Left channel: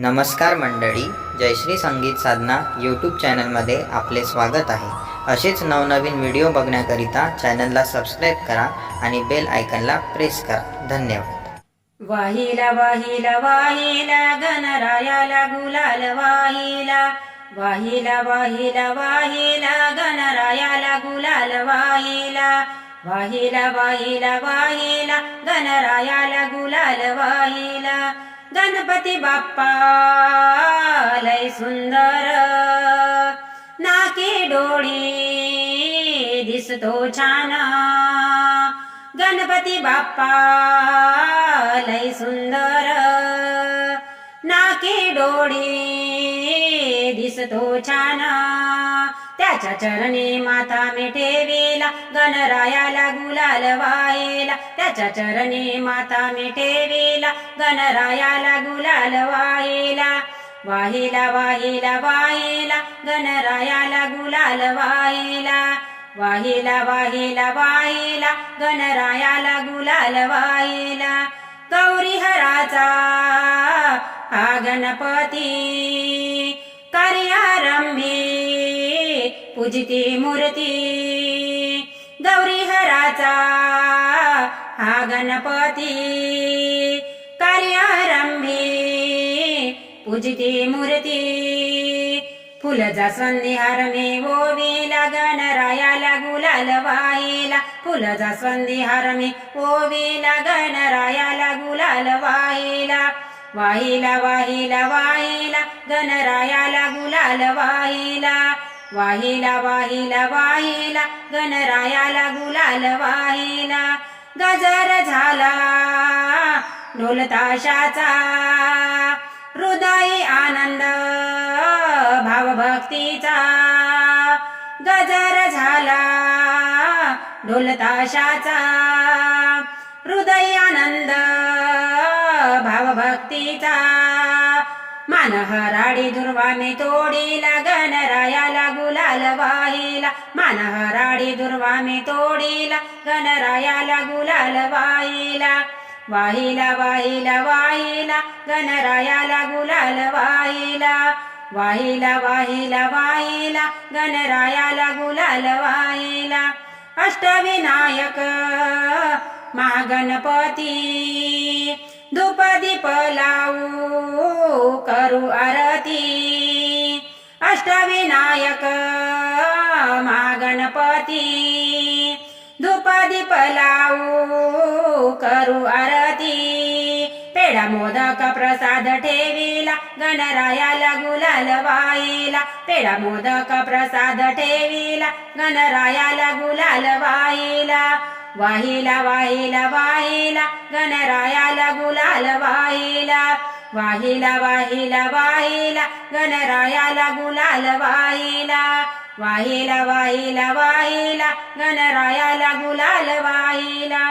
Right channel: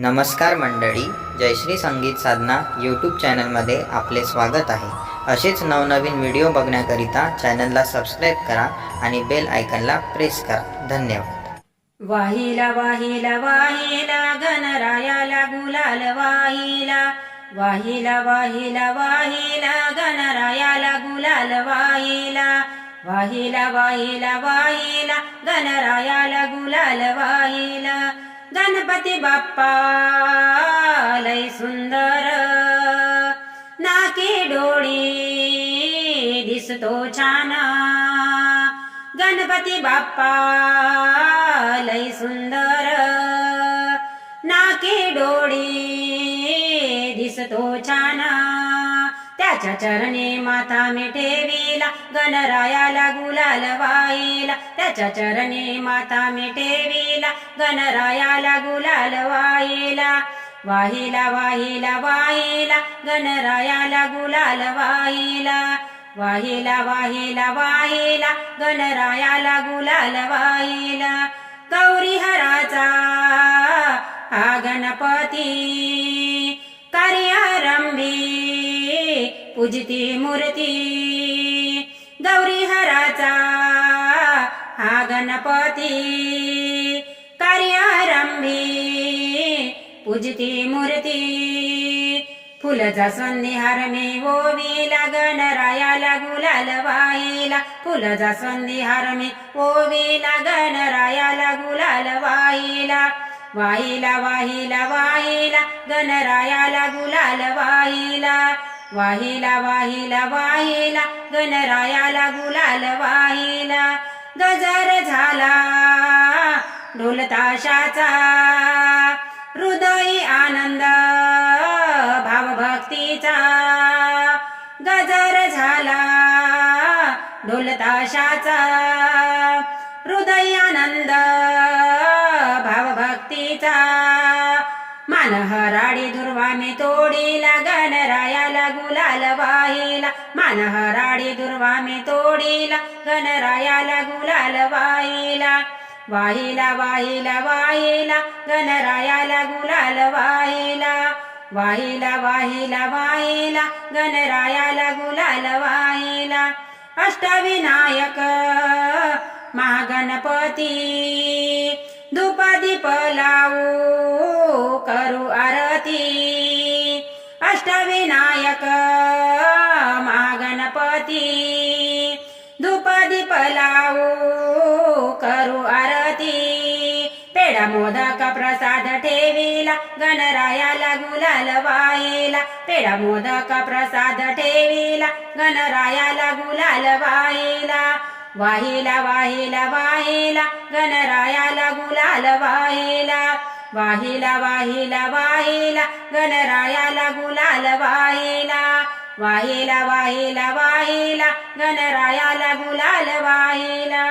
नमस्कार मंडळी, जयश्री संगीत साधना यूट्यूब चॅनलमध्ये आपले स्वागत आहे. असेच नवनवीन व्हिडिओ बघण्याकरिता चॅनलला सबस्क्राईब करा आणि बेल आयकनला प्रेस करा. धन्यवाद. वाहिला वाहिला वाहिला गणरायाला गुलाल वाहिला. वाहिला वाहिला वाहिला गणरायाला गुलाल वाहिला. वाहिला वाहिला वाहिला गणरायाला गुलाल वाहिला. गणपती बाप्पा लय सुंदर, नाकी डोळी दिसतो छान. गणपती बाप्पा लय सुंदर, नाकी डोळी दिसतो छान. त्याच्या चरणी माथा मी ठेविला, गणरायाला गुलाल वाहिला. त्याच्या चरणी माथा मी ठेविला, गणरायाला गुलाल वाहिला. वाहिला वाहिला वाहिला गणरायाला गुलाल वाहिला. वाहिला वाहिला वाहिला गणरायाला गुलाल वाहिला. गौरी हराचा हा गणपती, कार्यारंभी पूजिती मूर्ती. गौरी हराचा हा गणपती, कार्यारंभी पूजिती मूर्ती. फुल जास्वंदी हार मी ओविला, गणरायाला गुलाल वाहिला. फुल जास्वंदी हार मी ओविला, गणरायाला गुलाल वाहिला. वाहिला वाहिला वाहिला गणरायाला गुलाल वाहिला. वाहिला वाहिला वाहिला गणरायाला गुलाल वाहिला. गजर झाला ढोल ताशाचा, हृदयी आनंद भावभक्तीचा. गजर झाला ढोल ताशाचा, हृदयी आनंद भावभक्तीचा. मान हराडी दुर्वा मी तोडीला, गणरायाला गुलाल वाहिला. मान हराडी दुर्वा मी तोडीला, गणरायाला गुलाल वाहिला. वाहिला वाहिला वाहिला गणरायाला गुलाल वाहिला. वाहिला वाहिला वाहिला गणरायाला गुलाल वाहिला. अष्टविनायक महागणपती, धूप दीप लावू करू आरती. अष्टविनायक महागणपती, धूप दीप लावू करू आरती. पेढा मोदक प्रसाद ठेविला, गणरायाला गुलाल वाहिला. पेढा मोदक प्रसाद ठेविला, गणरायाला गुलाल वाहिला. वाहिला वाहिला वाहिला गणरायाला गुलाल वाहिला. वाहिला वाहिला वाहिला गणरायाला गुलाल वाहिला. वाहिला वाहिला वाहिला गणरायाला गुलाल वाहिला.